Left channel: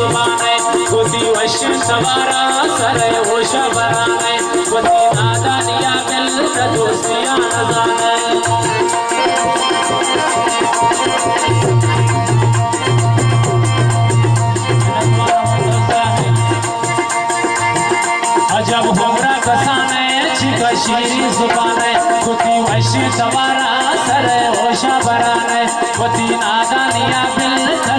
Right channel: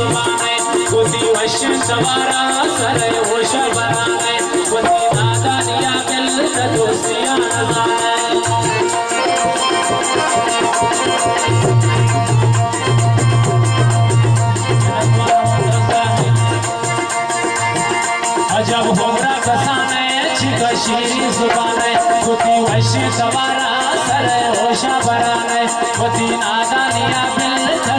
सुमाने गोदी वश्य सवारा सरे होश बराने गोदी नादा निया मिल दोस्तियां नजाने अजब होरा कसाने छिका शीरी जुबाने गोदी वश्य सवारा सरे होश बराने गोदी नादा निया मिल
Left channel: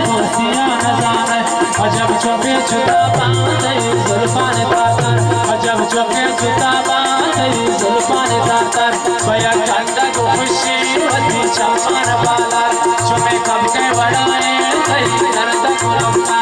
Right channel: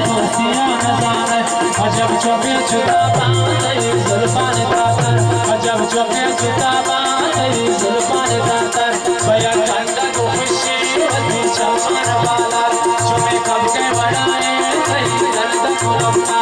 दोस्तियां नजाने अजब चौबे जुदा बांधे जुल्फान तातर अजब चौबे जुदा बांधे जुल्फान तातर बया कंदा को खुशी वती चमन बाला चुमे कब के बड़ाए कई दर्द को लपटा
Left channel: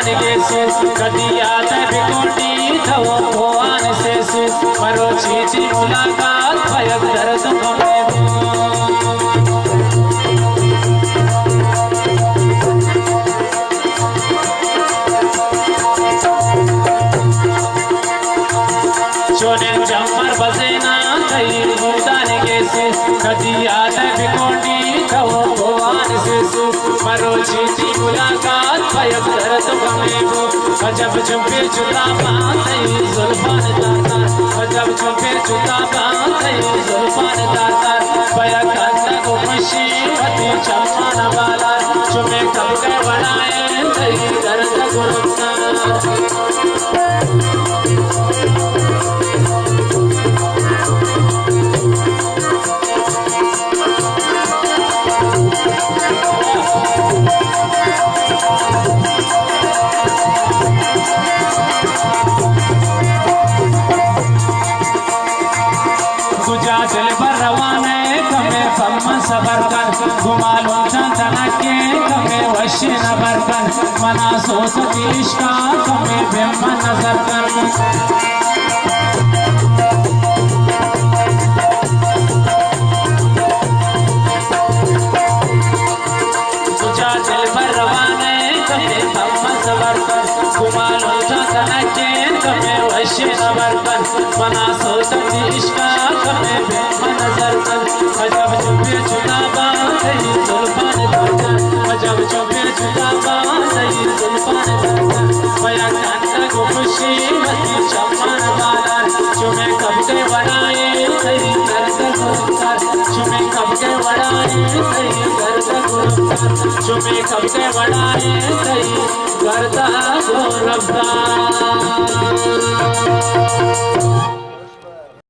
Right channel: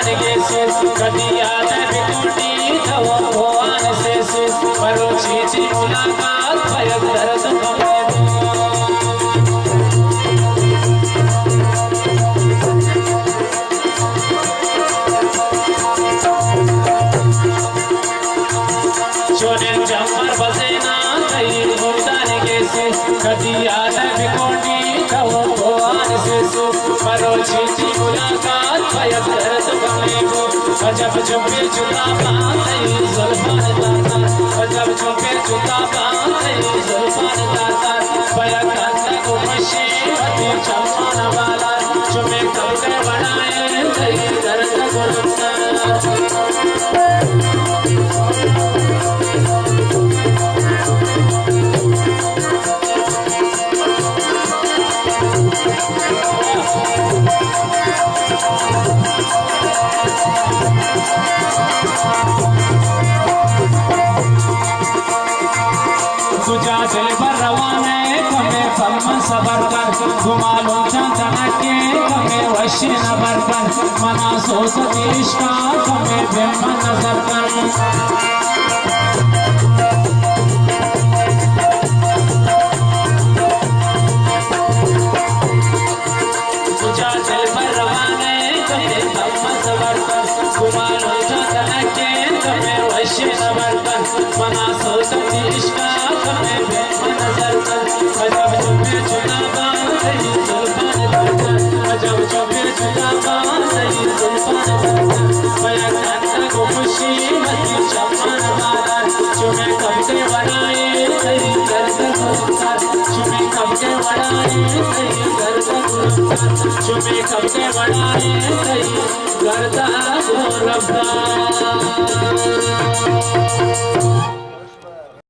कदी आते बिकोटी थवो भगवान से मरो चीची मुलाकात भयक दर्द गमे चोने जमर बसेना कई मुदान के से कदी आते बिकोटी थवो भगवान से मरो चीची मुलाकात भयक दर्द गमे अजब चुपे जुदा बांधे जुल्फान तातर अजब चुपे जुदा बांधे जुल्फान तातर बया कंदा को खुशी वती चमन वाला चुमे कब के बनाए कई दर्द गुरुता सबर कर घुमालो चंदना के कमे वश्य नबर कर मना सोच देश का कमे ब्रह्म नजर कर तुझा दिल पर रवाने कमे ब्रह्म सबर कर घुमालो चंदना के कमे वश्य नबर कर मना सोच देश का कमे ब्रह्म नजर कर अजब चुपे जुदा बांधे जुल्फान तातर अजब चुपे जुदा बांधे जुल्फान तातर बया कंदा को खुशी वती चमन वाला चुमे कब के बनाए कई दर्द गुरुतर चुमे कब के बनाए कई दर्द गुरुतर चुमे कब के बनाए कई दर्द गुरुतर